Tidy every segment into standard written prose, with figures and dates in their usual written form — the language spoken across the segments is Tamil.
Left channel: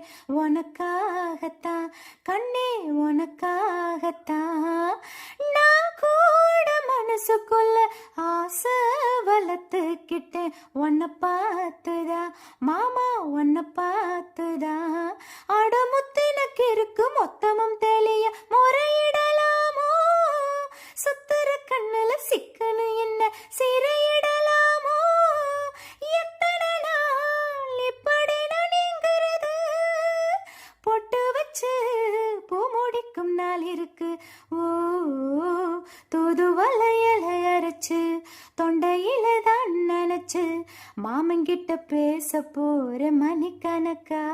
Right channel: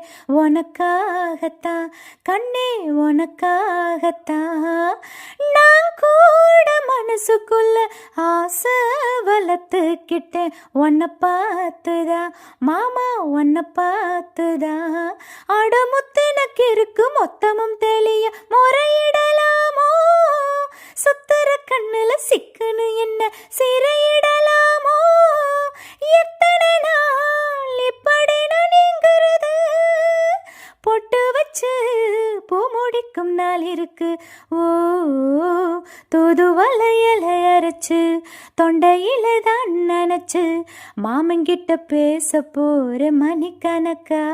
கேட்டேன் உனக்காகத்தான் கண்ணே உனக்காகத்தான். நான் கூட மனசுக்குள்ள ஆசை வளர்த்துக்கிட்டேன் உன்னை பார்த்துதான் மாமா உன்னை பார்த்துதான். அடமுத்து எனக்கு இருக்கு மொத்தமும் தெளிய முறையிடலாமோ, சுத்துற கண்ணுல சிக்கனு என்ன சிறையிடலாமோ, எத்தனை நாள் இப்படி நீங்கிறது, பொட்டு வச்சு பூ முடிக்கும் நாள் இருக்கு. ஓ தூது வலையில அரைச்சு தொண்டையில தான் நினைச்சு மாமங்கிட்ட பேச போற மணிக்கணக்கா,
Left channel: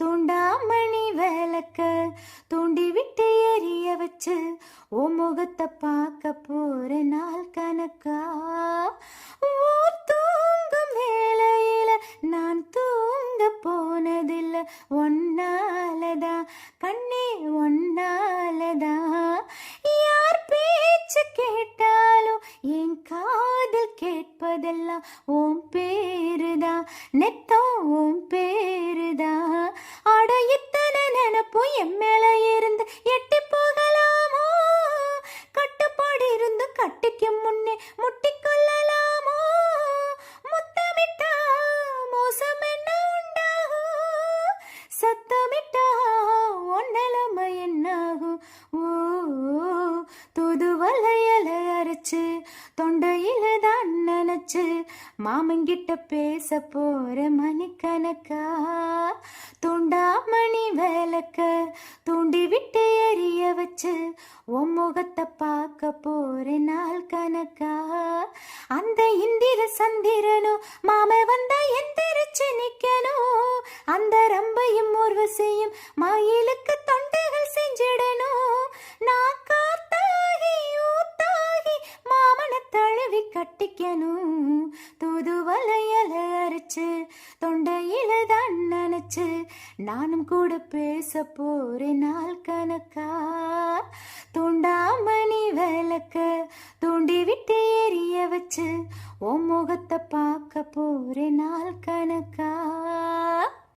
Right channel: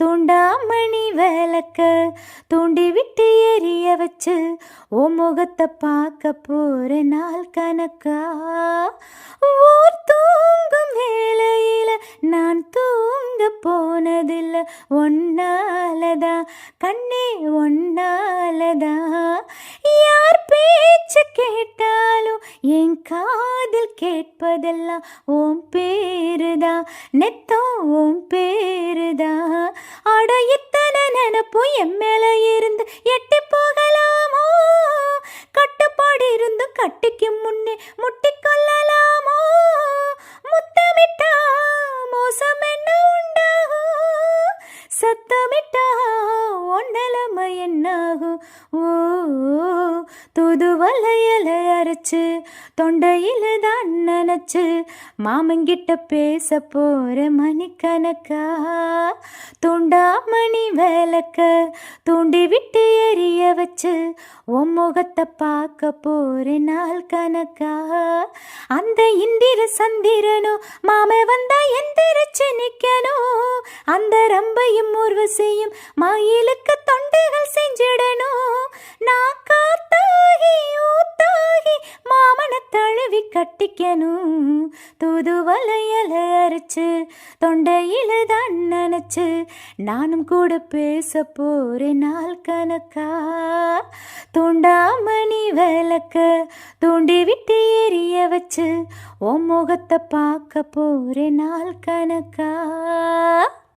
தூண்டாமணி விளக்க தூண்டி விட்டு எரிய வச்சு ஓ முகத்தை பார்க்க போற நாள் கணக்கா. ஊர் தூங்கும் வேளையில நான் தூங்க போனதில்ல ஒன்னாலதான் கண்ணே ஒன்னாலதான். யார் பேச்சு கேட்டாலும் என் காதில் கேட்பதெல்லாம் ஓம் பேருதான் நெத்தம் ஓம் பேருதான். அட இத்தனை நினைப்பும் என் மேல இருந்து எட்டி போகலாமோ, கட்டுப்பாடு இருந்து கட்டிக்கு முன்னே முட்டிக்கொள்ளலாமோ, முத்தமிட்டா மோசம் என்ன உண்டாகும், சத்தமிட்டா ஒன்னலமை என்னாகும். ஓ தூது வலையில அரைச்சு தொண்டையில தான் நினைச்சு மாமங்கிட்ட பேச போற மணிக்கணக்கா, தூண்டாமணி விளக்க தூண்டி விட்டு எரிய வச்சு உன் முகத்தை பார்க்க போற நாள் கணக்கா. அந்த இந்திர சந்திரனோ மாம வந்தா எந்திரிச்சு நிக்கணும், அந்த ரம்பையும் ஊர்வசியும் மயிலுக்கு தொண்டுகள் செஞ்சிடணும். நான் காத்தாகி ஊத்தாகி மாமனை தழுவி கட்டிக்கணும், தூது வலையில அரைச்சு தொண்டையில தான் நினைச்சு நானும் கூட பேச போற நாள் கணக்கா, தூண்டாமணி விளக்க தூண்டி விட்டு எரிய வச்சு உன் முகத்தை பார்க்க போற நாள் கணக்கா.